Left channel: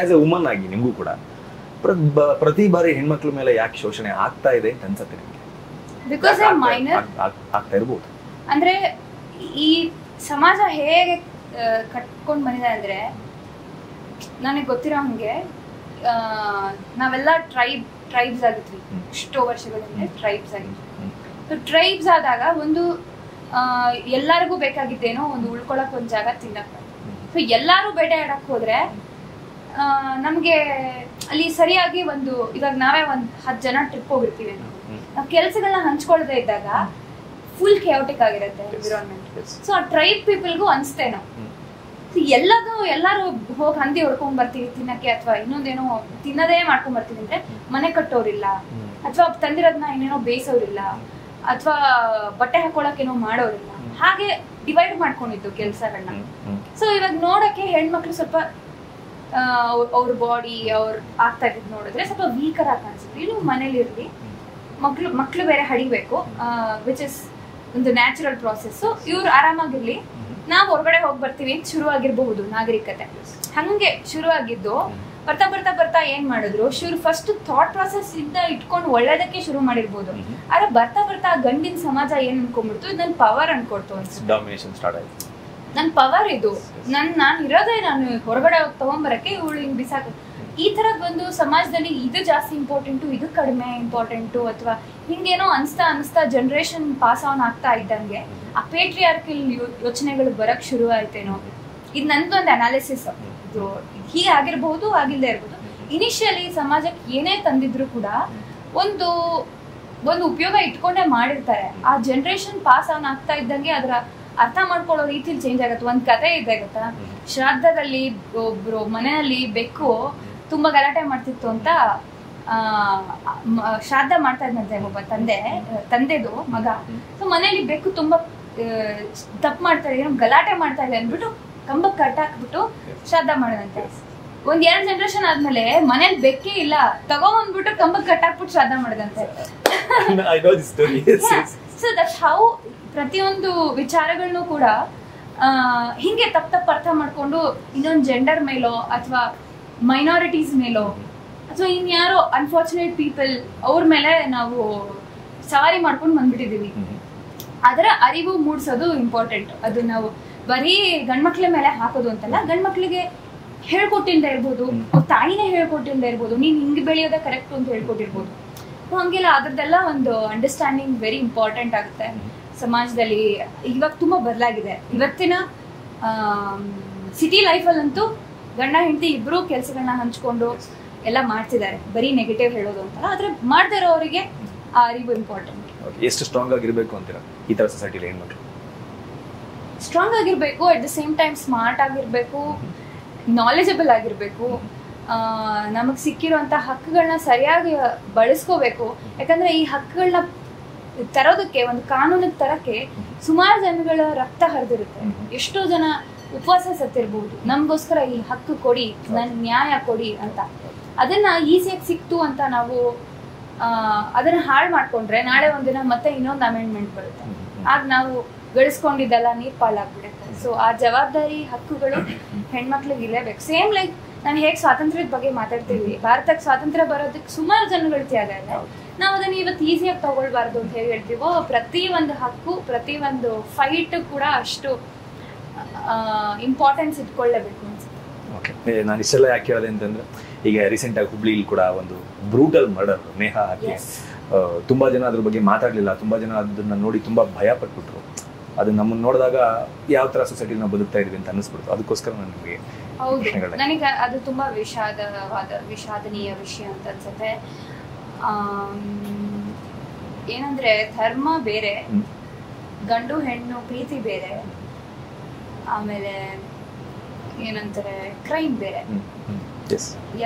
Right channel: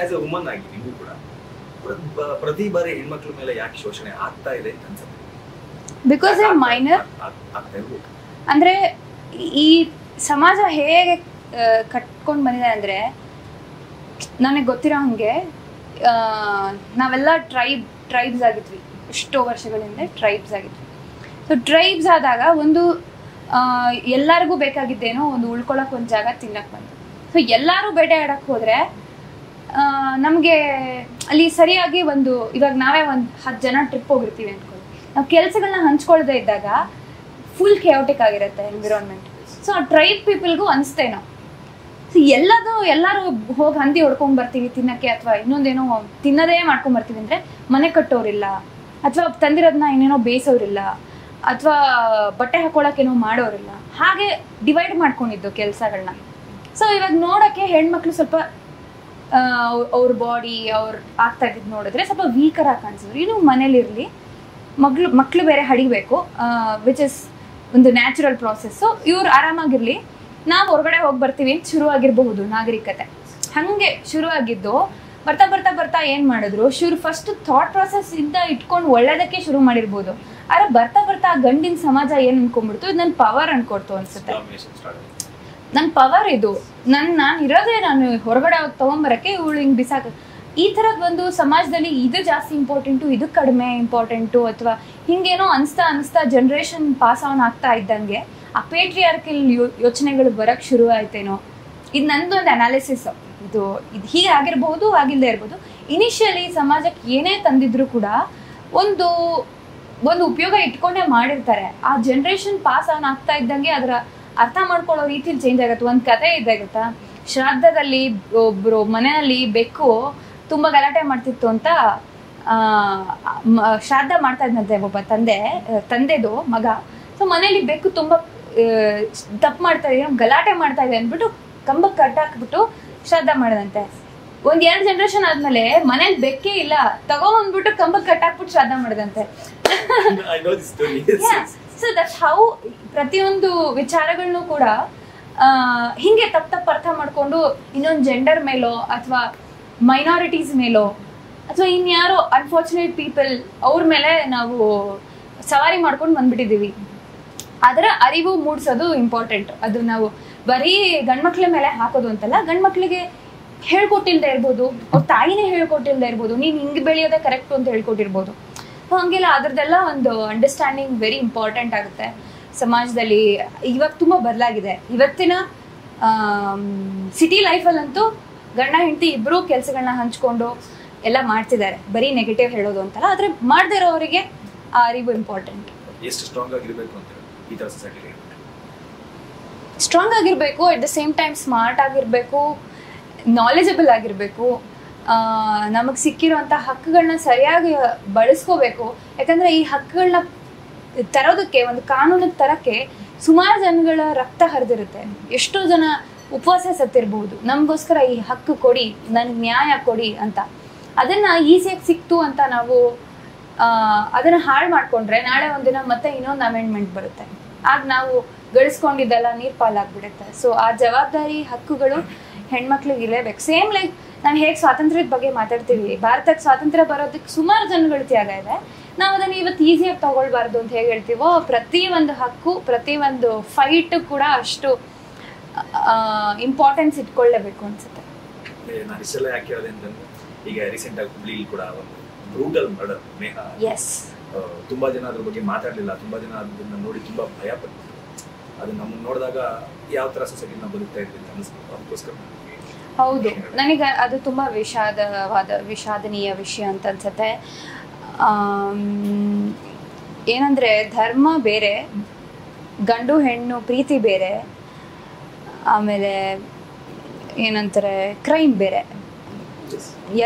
As A woman ಆಗಿ ನಿಮಗೂ ಕೂಡ ಪ್ರತಿ ಬಾರಿ ಹೆಣ್ಮಕ್ಳ ಮೇಲೆ ಯಾಕೆ ಶೋಷಣೆ ಆಗ್ತಾ ಇದೆ ಅಂತ ಅನ್ಸುತ್ತೆ? ಬಿಕಾಸ್ ಮೈನರ್ ಆಗ್ತಾ ಇರ್ಬೋದು. ಅಂದ್ರೆ ಈ ಸಮಾಜ ಹೇಗೆ ಕಟ್ಕೊಂಡ್ ಬಂದಿದೆ ಅಂದ್ರೆ, ನನಗೆ ಗೊತ್ತಿರೋ ಹಂಗೆ ನಾವೆಲ್ಲ ಟ್ರೈಬ್ಸ್ ಆಗಿದ್ವಿ, ಎಷ್ಟೋ ವರ್ಷಗಳಿಂದ ಟ್ರೈಬ್ಸ್ ಆಗಿದ್ವಿ. ಸೊ ಟ್ರೈಬ್ಸ್ ಆದಾಗ ಒಂದು ಎಲ್ಲರಿಗೂ ಬೇಕಾಗಿದ್ದೇನೋ ಒಂದು ಉಳ್ಕೊಳಕ್ ಒಂದು ಜಾಗ, ತಿನ್ನಕ್. ಸೊ ಎಲ್ಲಾರು ಬೇಟೆ ಆಡಕ್ ಹೋದ್ರೆ ನಮ್ಗೆ ಅಲ್ಲಿ ಸರಿಯಾಗಿ ಒಂದು, ಇವಾಗ ನಾವೇ ಒಂದ್ 10 ಜನ ಟ್ರಿಪ್ ಹೋಗಿರ್ತೀವಿ, ನಾವು ಕೆಲ್ಸಗಳನ್ನ ಹಂಚ್ಕೊಳ್ದೇ ಇದ್ದಾಗ ಫುಲ್ ಕೆಯೋಟಿಕ್ ಆಗಿರುತ್ತೆ ಎನ್ವಿರಾನ್ಮೆಂಟ್. ಸೊ ಟ್ರೈಬ್ ಪೀಪಲ್ಗೂ ಅನ್ಸ್ತೇನೋ, ಸೊ ಎಲ್ಲಾರು ಹೋಗಿ ಹಂದಿ ಹೊಡ್ಕೊಂಡ್ ಬರ್ತೀವಿ ತಿನ್ನಕ್ಕೆ, ಅಥವಾ ಇನ್ನೊಂದೇನೋ ತಿನ್ನದೇ ಮಾಡ್ಕೊಂಡ್ ಬರ್ತೀವಿ ಅಂದ್ರೆ ಮನೆ ಕಟ್ಟೋರಿಲ್ಲ, ಅಥವಾ ತಂದಿರೋದನ್ನ ಇನ್ನೇನೋ ಬೇಯಿಸೋರಿಲ್ಲ, ಅಥವಾ ಬಟ್ಟೆ ಹಾಕೊಳಕ್ಕೇನೋ ಮಾಡೋರಿಲ್ಲ. ಹಾಗೆ ಡಿವೈಡ್ ಮಾಡ್ಕೊಂಡಿದ್ದು ಕೆಲ್ಸಗಳನ್ನ. ಸೊ ಇವಾಗ ನೋಡಕ್ಕೆ ಹೆಣ್ಮಕ್ಳು ಸ್ವಲ್ಪ ಅವ್ರ ಬಾಡಿ ಅವ್ರ ಆಗ್ತಾ ಇದ್ ನೋಡಿದ್ರೆ ಸ್ವಲ್ಪ ವೀಕರ್ ಆಗಿ ಕಾಣಿಸಿದ್ರು. ಇನ್ನು ಮನೇಲಿರ್ಲಿ, ಮಕ್ಳು ಬೇರೆ ಹಡಿಬೇಕು, ವಿಚ್ ಇಸ್ ಒಂದು ನ್ಯಾಚುರಲ್ ಪ್ರಾಸೆಸ್. ಇವ್ರು ಆರಾಮಾಗಿರ್ಲಿ, ನಾವು ಹೊರಗಡೆ ಹೋಗಿ ಬರ್ತೀವಿ ಅಂತ ಶುರು ಆಗಿರಬಹುದು ನಾಗರಿಕತೆ. ಹಂಗೆ ಶುರು ಆಗಿದ್ದು ಬರ್ತಾ ಬರ್ತಾ ಬರ್ತಾ ಏನ್ ಮಾಡಿದ್ರು, ಫಸ್ಟ್ ಥಾಟ್ ಪ್ರಾಸೆಸ್ ಇಂದ ಇಟ್ಕೊಂಡು ಒಳ್ಳೇದಕ್ಕೆ ಶುರು ಮಾಡಿರ್ಬೋದು. ಆದ್ರೆ ಬರ್ತಾ ಬರ್ತಾ ಆ ಗಂಡಿನ ಸಮಾಜ ಏನ್ ಅನ್ಕೊಂಡ್ಬಿಡ್ತು, ಇದು ನನ್ ಪವರ್ ಅನ್ಕೊಡ್ತು ಅನ್ಸುತ್ತೆ. ನನ್ ಪವರ್ ಇದು, ನಾನ್ ಇರೋದೇ ನಾನು ಹೊರಗಡೆ ತಗೊಂಡ್ಬರಕ್ಕೆ, ಇವಳು ಹಿಂಗ್ ಬಿಸಾಕ. ಈ ತರದ್ ಒಂದು ಸಮಾಜದಲ್ಲಿ ಇದು ಜಾಸ್ತಿ ಇಂಪಾರ್ಟೆಂಟು, ಇದು ಕಡಿಮೆ ಇಂಪಾರ್ಟೆಂಟು, ಅಥವಾ ಹಿಂಗೇನೋ ಅನ್ಸ್ತಾ ಜನರೇಷನ್ ಪಾಸ್ ಆನ್ ಆಗ್ತಾ ಇದ್ದಂಗೆ ಆ ಪೇಟ್ರಿಯಾರ್ಕಲ್ ಯೋಚನೆಗಳು ಬರಕ್ ಶುರು ಆಯ್ತೇನೋ. ಇದು ನಂದೊಂದು ಅನಾಲಿಸಿಸ್. ಇದು ಹೀಗೆ ಆಗಿರ್ಬಹುದು, ಆಗಿಲ್ಲದೆ ಇರ್ಬೋದು. ಇನಿಷಿಯಲಿ ಸಮಾಜಕ್ಕೆ ಏನೇ ತಂದಿದ್ರು ಕೂಡ ಒಂದು ಉಪಯೋಗ ಇಟ್ಕೊಂಡೇ ಮಾಡಿರ್ತಾರೆ. ಆ ಜನರೇಷನ್ ಪಾಸ್ ಆನ್ ಆಗ್ತಾ ಇದ್ದಂಗೆ ಅದರ ಅರ್ಥ ಮಾಡ್ಕೊಳ್ಳೋ ರೀತಿಲಿ ಚೇಂಜ್ ಆಗುತ್ತೆ. ಒಂದ್ ಕತೆ ಇದೆ ಗೊತ್ತಾ, ಶ್ರಾದ್ದದಲ್ಲಿ ಒಬ್ರು ಮನೆಯಲ್ಲಿ ಬೆಕ್ಕು ತುಂಬಾ ಗಲಾಟೆ ಮಾಡ್ತಿತ್ತು ಅಂತ ಶ್ರಾದ್ದ ಮಾಡ್ತಾ ಇದ್ನಂತೆ ಒಬ್ಬ ತಂದೆದು ಮಗ. ಸೊ ಮನೇಲಿ ಬೆಕ್ಕು ತುಂಬಾ ತಪ್ಪು ಮಾಡ್ತಾ ಇದೆ, ಗಲಾಟೆ ಮಾಡ್ತಾ ಇದೆ ಅಂದ್ಬಿಟ್ಟು ಕಂಬಕ್ಕೆ ಕಟ್ಟಾಕ್ಬಿಟ್ಟು ಶ್ರಾದ್ದ ಮಾಡದಂತೆ. 1-2 ಜನರೇಷನ್ ಆದ್ಮೇಲೆ ಮನೇಲಿ ಬೆಕ್ಕೇ ಇಲ್ಲ, ತಗೊಂಡ್ಬಿಟ್ಟು ಕಂಬಕ್ಕೆ ಕಟ್ಟಾಕ್ಬಿಟ್ಟು ಶ್ರಾದ್ದ ಮಾಡದಂತೆ. ಸೊ ದಟ್ಸ್ ಹೌ ಪ್ರತಿಯೊಂದು ವಿಚಾರಗಳನ್ನು ಕೂಡ ಹಿಂಗೆ ತಪ್ಪು ಅರ್ಥ ಮಾಡ್ಕೊಂಡು ಇನ್ನೊಂದು ಜೆಂಡರ್ ಮೇಲೋ ಅಥವಾ ಮೈನಾರಿಟೀಸ್ ಮೇಲೋ ಅಥವಾ ಇನ್ಯಾರೋ ಅನ್ಫಾರ್ಚುನೇಟ್ ಪೀಪಲ್ ಅವ್ರ ಮೇಲೆ ನಾವು ಸವಾರಿ ಮಾಡ್ಕೊಂಡು ಬಂದ್ಬಿಟ್ಟಿದೀವಿ. ಅದರ ಅರಿವು ಮೂಡಿಸೋದು ಇಂಪಾರ್ಟೆಂಟ್. ಅದು ನಾವು ಬರೀ ಗಂಡ್ಮಕ್ಳ ಮೇಲೆ ಹಾಕೋದು ಅಂತಲ್ಲ, ಗಂಡ್ಮಕ್ಳಿಗೆ ಹೇಳ್ಕೊಟ್ಟಿಲ್ದೇ ಇರ್ಬೋದು, ಅವ್ರ ತಾಯಿನೇ ಹೇಳ್ಕೊಟ್ಟಿಲ್ದೇ ಇರ್ಬೋದು, ನೀನ್ ಹಿಂಗ್ ಬೆಳೆಯೋದೇ ಕರೆಕ್ಟ್ ಅಂತ ಹೇಳ್ಕೊಟ್ಟಿರ್ಬೋದು. ಹಂಗೆಲ್ಲ ಅದ್ರದ್ದೆಲ್ಲ ಒಂದು ಅಂಡರ್ಸ್ಟ್ಯಾಂಡಿಂಗ್ ವೆರಿ ಇಂಪಾರ್ಟೆಂಟ್ ಆಗುತ್ತೆ ಸಮಾಜದಲ್ಲಿ. ಇವಾಗ ತುಂಬಾ ಬದಲಾಗಿದೆ. ಇವತ್ತಿನ ಸಿಟಿ ಲೈಫಲ್ಲಂತೂ ಗಂಡ ಹೆಂಡತಿ ಇಬ್ರು ಕೆಲ್ಸಗಳನ್ನ ಹಂಚ್ಕೊಂಡು ಎಲ್ಲ ಮಾಡ್ತಿದ್ದಾರೆ, ಬರೀ ನೆಗೆಟಿವ್ ಹೇಳೋದು ಅಂತಲ್ಲ. ಆದ್ರೆ ಮಾಡದೇ ಇರೋರಿಗೆ ಆ ಅರಿವು ಇಂಪಾರ್ಟೆಂಟ್. ಎಷ್ಟು ಸ್ಟ್ರಾಂಗ್ ಆಗಿರ್ಬೇಕು ಅಂತೀರಾ ಈ ತರ ಸೊಸೈಟಿಲಿ? ಹೆಣ್ಮಕ್ಳು ಸ್ಟ್ರಾಂಗ್ ಆಗಿರ್ಬೇಕು, at the same time smart ಆಗಿರ್ಬೇಕು, ನಾಲೆಜಬಲ್ ಆಗಿರ್ಬೇಕು, ನಮಗ್ ಸಿಕ್ಕಿರುವಂತ ಹಕ್ಕುಗಳನ್ನ ಸರಿಯಾಗಿ ಬಳಸ್ಕೋಬೇಕು. ಯಾಕಂದ್ರೆ ಈ ಹಕ್ಕುಗಳನ್ನ ತರೋದಕ್ಕೆ, ಒಂದು ಕಾನೂನಿಗೆ ತರಕ್ಕೆ ಸುಮಾರು ಜನಗಳ ರಕ್ತ ಹರಿದಿರುತ್ತೆ. ಎಷ್ಟೋ ಜನ ಉಪವಾಸ ಸತ್ತಿರ್ಬಹುದು ನಮ್ಗೋಸ್ಕರ ಈ ಹಕ್ಕು ಕೊಡಿ, ನನ್ ನ್ಯಾಯ ಕೊಡಿ ಅಂತ. ಅದನ್ನ ಈಸಿಯಾಗಿ ಸಿಕ್ತು ಅಂತ ನಾವು ಅದನ್ನ ಹಾಳು ಮಾಡ್ಕೊಂಡ್ರೆ ನಾಳೆ ಒಂದಿನ ಮತ್ತೆ ಇನ್ನೊಂದು ಅಮೆಂಡ್ಮೆಂಟ್ ಬರುತ್ತೆ, ಆಗ ನಾವು ಗಳಿಸ್ಕೊಂಡಿದ್ದೆಲ್ಲ ನೀರ್ ಪಾಲಾಗ್ಬಿಡುತ್ತೆ. ಸೊ ಆ ಜವಾಬ್ದಾರಿ ಹಕ್ಕುಗಳು ಹೆಣ್ಮಕ್ಳಿಗೆ ಇರಲೇಬೇಕು. ಸೇಮ್ ಲೈಕ್ ನಾನು ಹೇಗ್ ಸ್ವಾತಂತ್ರ್ಯದ ಬಗ್ಗೆ ಮಾತಾಡ್ತಿದ್ವಿ, ಭಾರತಕ್ಕೆ ಸ್ವಾತಂತ್ರ್ಯ ಬರೋದಕ್ಕೆ ಸುಮಾರು ಜನಗಳ ತ್ಯಾಗ ಇದೆ. ನಾವು ಅದನ್ನ ಇವತ್ತು ಈಸಿಯಾಗಿ ತಗೊಳ್ಬಾರ್ದು ಅಂತ ಹೇಗೆ ಹೇಳ್ತೀವೋ, ಪ್ರತಿ ಒಂದು ಹಕ್ಕು, ಪ್ರತಿ ಒಂದು ಫೈಟ್ ಕೂಡ ಅಷ್ಟು ಇಂಪಾರ್ಟೆನ್ಸ್ ಇಟ್ಕೊಳ್ಳೇಬೇಕು ಅನ್ಸುತ್ತೆ. ನಾನು ಇಷ್ಟೆಲ್ಲ ಯಾಕೆ ಹೇಳಿದೆ ಅಂತಂದ್ರೆ, ಈಗ ರೀಸೆಂಟ್ ಆಗಿ ಹುಬ್ಳಿಲಿ ಕೂಡ ಒಂದು ಬ್ರೂಟಲ್ ಮರ್ಡರ್, ನೇಹಾ. ತುಂಬಾ ಜನ ಅದ್ರ ಬಗ್ಗೆ ಮಾತಾಡ್ಲಿಲ್ಲ, ತುಂಬಾ ಜನ ಅದನ್ನ ನೋಡಿ ತುಂಬಾ ಭಯ ಪಟ್ಬಿಟ್ರು. ಅದು ನಮ್ಮನ್ನ ನೋಡಿದಾಗ ಯಾವ ತರ ಸೊಸೈಟಿ ನಾವು ಬದುಕ್ತಾ ಇದೀವಿ ಅಂತ ಅನಿಸ್ಬಿಡ್ತು. ಅದಕ್ಕೋಸ್ಕರ ನನಗೆ ಹೌದು, ನನಗೆ ಅದು ತುಂಬಾ ವಿಷಾದನೀಯ ವಿಷಯ ಅಂತ ಅನ್ಸುತ್ತೆ. ಏನಂದ್ರೆ ಧರ್ಮ ಬೇರೆ, ಗಂಡು ಹೆಣ್ಣು ಪ್ರೀತಿ ಬೇರೆ, ಆಮೇಲೆ ಏನಂತಾರೆ ಕ್ರೈಮ್ ಬೇರೆ,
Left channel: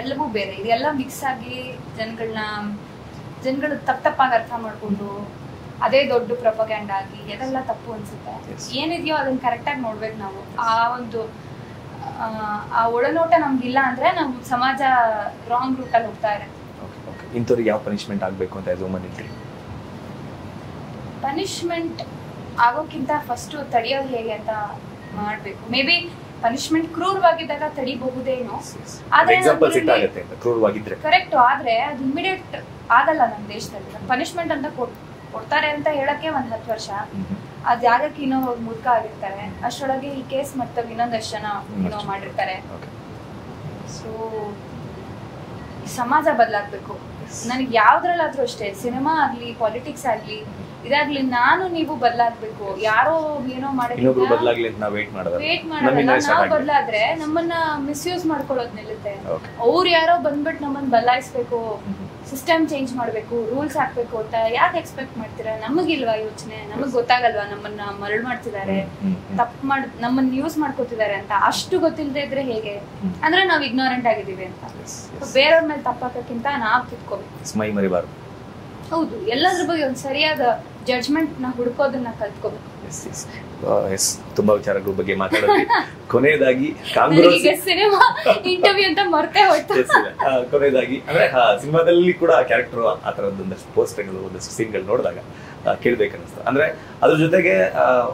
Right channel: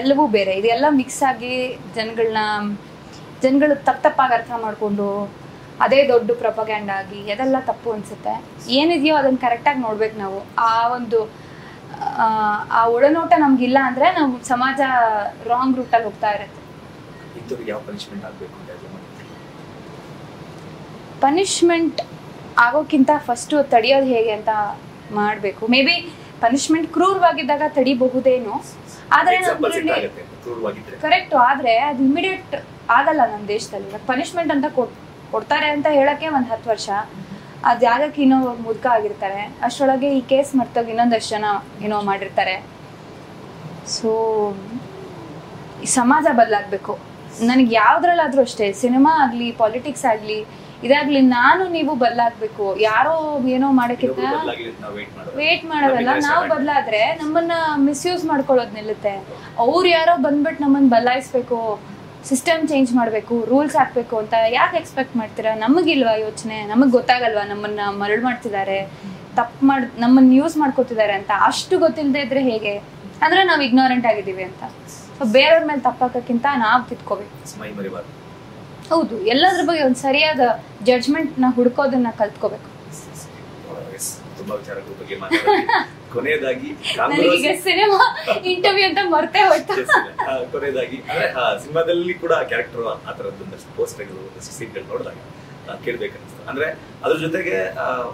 ಎಲ್ಲವೂ ಬೇರೆ. ಇದೆಲ್ಲ ಮಿಕ್ಸ್ ಆಗಿ ಜನಗಳು ತಪ್ಪಾಗಿ ಅರ್ಥ ಮಾಡ್ಕೊಂಡು ಅದೇ ದೊಡ್ಡ ಪ್ರೊಪಗ್ಯಾಂಡ ಆಗಿ ಅದೆಲ್ಲ ತಪ್ಪು ಅನ್ಸುತ್ತೆ. ಏನಿದೆಯೋ ಅದನ್ನ ಕರೆಕ್ಟಾಗಿ ನೋಡ್ಬೇಕು ನಾವು. ಆ ಒಳನೋಟ ನಮ್ಗಿಲ್ಲ ಅಂದ್ರೆ ನಾವು ಸಮಾಜ ರಾಂಗ್ ರೂಟ್ ಅಲ್ಲಿ ಹೋಗ್ತಾ ಇರುತ್ತೆ. ಇಂಥವ್ರಿಗೆ ಯಾವ ಪನಿಷ್ಮೆಂಟ್ ಆಗ್ಬೇಕು ಅಂತ ಪನಿಷ್ಮೆಂಟ್ ಆಗೋಕ್ಕಿಂತ ಫಸ್ಟ್ ತಡೆಯೋದು ಹೇಗೆ ಅಂತ ಮಾಡ್ಬೇಕು. ಮೇ ಬಿ ಪನಿಷ್ಮೆಂಟ್ ಕ್ರೂರವಾಗಿದ್ದಾಗ ತಡಿಬಹುದೇನೋ, ಆದ್ರೆ ಕರೆಕ್ಟ್. ಆದ್ರೆ ಅದು ಇಮಿಡಿಯೇಟ್ ಆಗಲ್ಲ ನಮ್ಮ ದೇಶದಲ್ಲಿ. ಪನಿಷ್ಮೆಂಟ್ ಅಂತ ಕೊಡ್ತಾರೆ ಅಂತ ಹೇಳಕ್ಕೆ 10 ವರ್ಷ, ಅದ್ ಜಾಗಕ್ಕೆ ಇನ್ನೂ ಮುದ್ಕ ಆಗಿರ್ತಾರೆ. ಅಷ್ಟರೊಳಗೆ ಈ ಕೇಸ್ ಮರ್ತೋಗಿ ಇನ್ನೊಂದಷ್ಟು ಜನ ಏನೋ ಮಾಡಿರ್ತಾರೆ. ಸೊ ಈ ಸಮಾಜ ಬದಲಾಗ್ಬೇಕು. ನನಗೆ ಯಾವ್ದ್ರಲ್ಲಾದ್ರೂ ಅಷ್ಟೇ, ಸಿನಿಮಾ ಆಗ್ಲಿ, ಪಾಲಿಟಿಕ್ಸ್ ಆಗ್ಲಿ, ಇದಾಗ್ಲಿ, ನಾನು ನೀವು ಬದಲಾಗ್ಬೇಕು. ಯಾರೋ ಏನೋ ಮಾಡಕ್ಕಿಂತ ವೇಟ್ ಮಾಡೋದಲ್ಲ. ನಾವು ಬದಲಾದ್ರೆ ನಮ್ಮನ್ನ ಮಿಸ್ಯೂಸ್ ಮಾಡ್ಕೊಳ್ಳೋದ್ ನಿಲ್ಲುತ್ತೆ. ಅವ್ರು ಯಾರೋ ಬಂದ್ಬಿಟ್ಟು ನಮ್ಮನ್ನ ಬದಲಾಯಿಸ್ಬೇಕು, ಸಿಸ್ಟಮ್ ಚೇಂಜ್ ಮಾಡ್ಬೇಕು, ರೂಲ್ಸ್ ಹಾಕ್ಬೇಕು ಅಂತ ಯಾಕೆ ಎಕ್ಸ್ಪೆಕ್ಟ್ ಮಾಡ್ತೀರಾ? ನಮಗಿಲ್ವಾ ಯೋಚನೆ? ನಮಗ್ ಗೊತ್ತಾಗಲ್ವಾ ನಮ್ಮನ್ನ ಮರಳು ಮಾಡ್ತಿದ್ದಾರೆ, ನಮ್ಮನ್ನ ಯೂಸ್ ಮಾಡ್ಕೊತಿದ್ದಾರೆ ಅಂತ? ಅಷ್ಟು ಗೊತ್ತಿಲ್ಲದೆ ಇದ್ರೆ ಹೇಗೆ? ಅಂದ್ರೆ ನಾವ್ ಇಗ್ನೋರೆಂಟ್ ಆಗಿದೀವಿ ಅಂತ. ಬೇರೆಯವ್ರ ಮೇಲೆ ತಪ್ಪಾಕಕ್ಕಿಂತ ನಾವ್ ಕಿತ್ಕೋಬೇಕು. ಹೌದು, ಎಲ್ಲದ್ರ ಬಗ್ಗೆ ಒಂದ್ ಸರಿಯಾದ ಜಡ್ಜ್ಮೆಂಟ್ ನ ಹುಡ್ಕೋದನ್ನ ಕಲ್ತ್ಕೋಬೇಕು. ತುಂಬಾ ವಿಚಾರಗಳ ಬಗ್ಗೆ ಮಾತಾಡೋದು. ಕೊನೆಯದಾಗಿ ಸಿನಿಮಾ ಇಂಟರ್ವ್ಯೂ ಅಂತ ಮರ್ತೇ ಹೋಯ್ತು. ಕೊನೆಯದಾಗಿ ಅಂದ್ರೆ ಸಿನಿಮಾದಲ್ಲಿ ಕೂಡ ಕ್ಯಾರೆಕ್ಟರ್ ಆ ತರದ್ದು ಒಂದಷ್ಟು ಪೋಸ್ಟ್ಗಳು, ಒಂದಷ್ಟು ಸೀನ್ಗಳು ನೋಡಿದಾಗ ಕೇಳ್ಬೇಕನ್ನಿಸ್ತು. ಅಂದ್ರೆ ಅದ್ರ ಜೊತೆಗೆ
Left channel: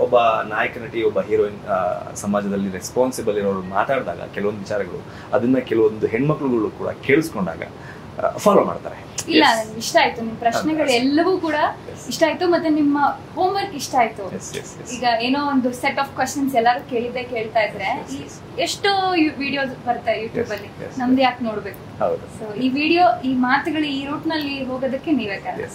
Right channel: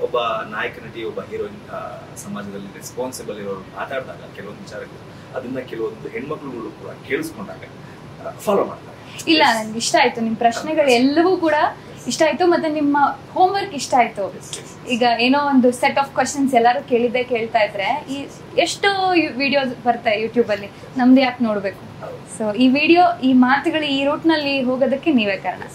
ಒಬ್ಬ ನಾಯಕ ನಟಿ, ಒಬ್ಬ ಹೀರೋಯಿನ್ ಸಮಾಜದಲ್ಲಿ ರೆಸ್ಪಾನ್ಸಿಬಲ್ ಇರೋರು ಮಾತಾಡಿದಾಗ ಕೆಲವೊಂದು ವಿಚಾರಗಳು ಅದನ್ನ ಕೆಲವೊಂದು ಹೆಣ್ಮಕ್ಳುಗಳು ಕೂಡ ಕೇಳಿಸ್ಕೊಂಡಾಗ ಫಾಲೋ ಮಾಡ್ತಾರೆ. ಇಲ್ಲ, ಇಷ್ಟ ಆಯ್ತು ನಿಮ್ ಪ್ರಶ್ನೆಗಳು ಎಲ್ಲವೂ ಕೂಡ ಇಷ್ಟ ಆಯ್ತು. ಮತ್ತೆ ನಿಮ್ಮ ಹೋಮ್ ವರ್ಕ್ ಇಷ್ಟ ಆಯ್ತು. ಈಗ ಏನೋ ಒಂದು ಸೆಟ್ ಆಫ್ ಕ್ವಶನ್ಸ್ ಎಲ್ಲಾರು ಕೇಳ್ತಾ ಇದ್ರೆ ಎಷ್ಟು ವಿಡಿಯೋಸ್ ಬರ್ತಾರೆ ಯೂಟ್ಯೂಬ್ ಅಲ್ಲಿ, ನಮ್ದು ಯಾಕೆ ನೋಡ್ಬೇಕು? ಸೊ ಈ ವಿಡಿಯೋ, ಈ ಮಾತುಗಳು ಈ ರೂಟ್ ನಲ್ಲಿ ಹೋಗೋದಕ್ಕೆ ನೀವೇ ಕಾರಣ.